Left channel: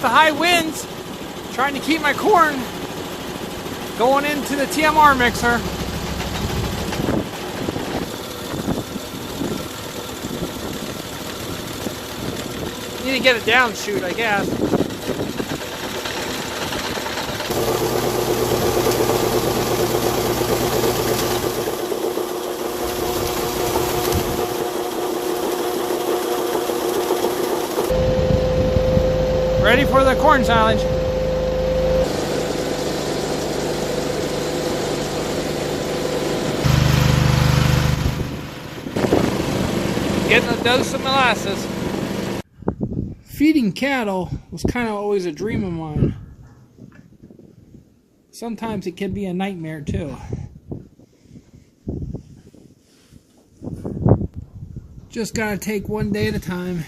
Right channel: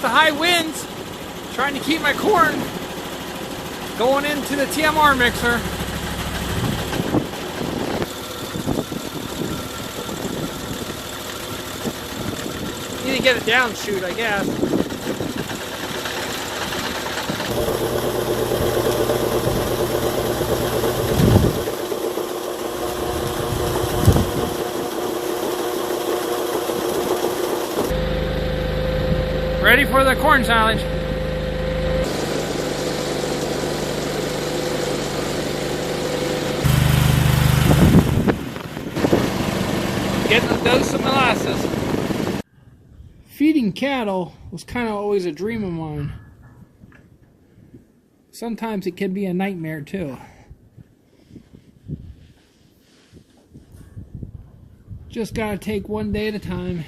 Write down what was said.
with the high winds, trying to keep my corn going into the TMR mixer. Need to get it down chute, I guess. Ready for the corn silage. Getting a dose of molasses. Feeding cattle was kind of always a dream of mine. Sometimes it can be a nightmare too. Just gotta take one day at a time.